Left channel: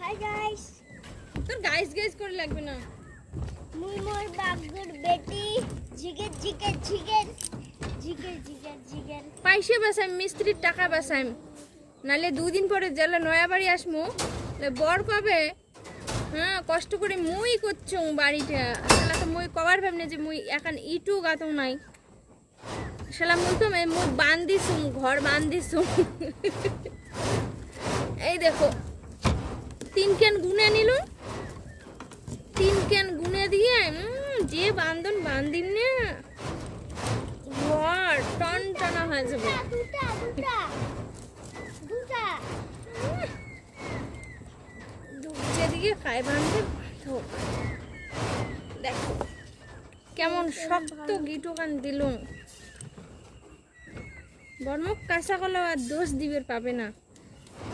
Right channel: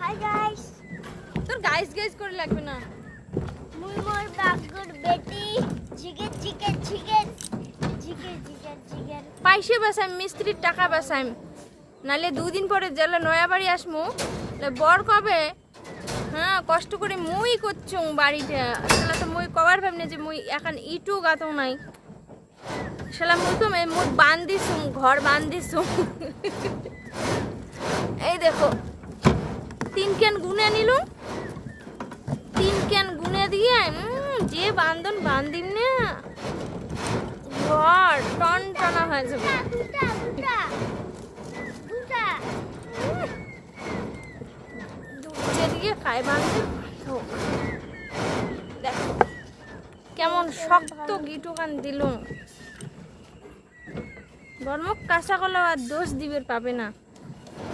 Hi guys, তোর guys guys করে লাগবে না। মুই মোর বাগুর বেটি জিগের জিগের জিগের জিগের জিগের জিগের পয়সা বাসাই, মিস্ত্রির টাকা বাসাই, নাহলে 2 দিন পরে জেলা নয়া বাড়ি আসমু। বর কবে হ্যাঁ কষ্ট করে মুই করছুম বাড়িটা, আসলে তো মুই কবার ভাবনি যে মুই এখন ইটু গাতো নাই, শালা মুই কমে মুই বান্ধিছুম, ঘর বান্ধিছুম। এই দেখো 3 ক্যান গুনে নিলুম, 3 ক্যান গুনে দিয়ে যে বান্ধন বান্ধিম না ঘর টন টনা হয়ে যাবে। দুটা দুটা দুটা যেদিকে খায় বান্ধব দেখো কেমন শক্ত গিটুকান দিলুম। বর্মক কাঁচা কলা আর দোষ দিবের পাবে না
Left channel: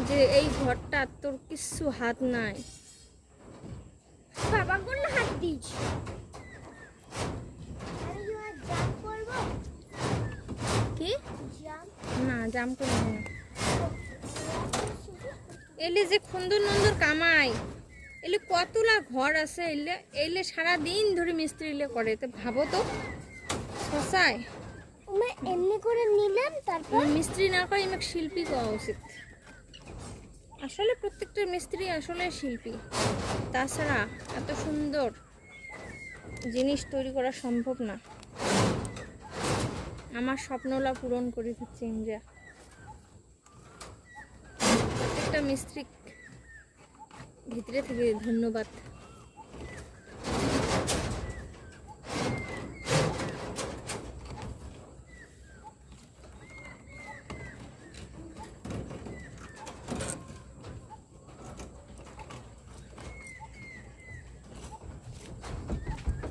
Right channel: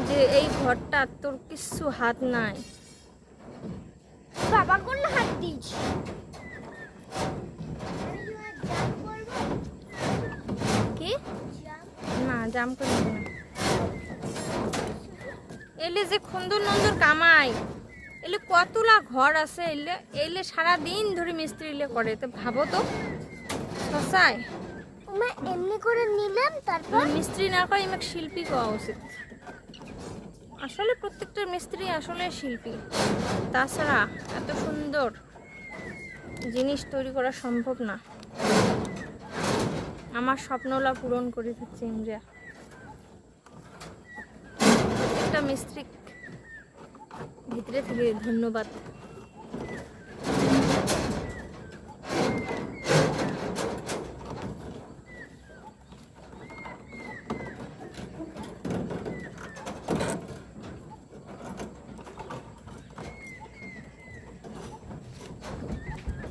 যে এই ঘরটা তোর কিছু হাত নাই। বাবা কোন হাত দিস কি না জাম করে নেবো না। এলে যে খুন্দর নন্দর কামাই, এলে কতলা ঘর আছে, এলে এলে সারাদিন ধরে মিস্ত্রি করে, তো ভাবো তো শশায় আমরা এমনি করে নিলাম, তারপর মিস্ত্রি না করে আমাকে শিল্পী করা উচিত। আসলে প্রত্যেকটা মিস্ত্রি আসলে শিল্পী, তাছাড়া এত সুন্দর জিনিস তৈরি করা সম্ভব না। আমার স্বপ্নলা পূরণ করে দিচ্ছে ইন্ডিয়া। প্রত্যেকটা মিস্ত্রি ভিতরে থেকে ধন্যবাদ।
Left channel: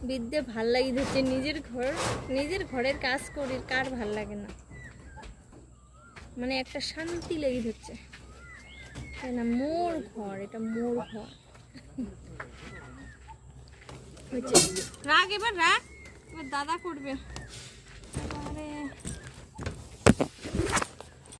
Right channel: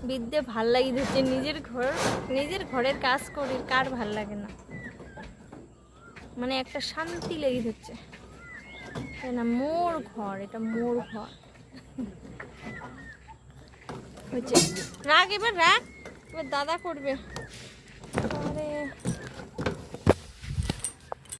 বিদ্যে ভাল লাগি দিচ্ছে, নিজের ঘরের কাজ করি, কার ভাল লাগে না, মানে একটা শান্তি লেগে দিচ্ছে না। মোর ঘর, এটা মোর ঘর। রাখ এবার রাখ, এবার দাদা করবে।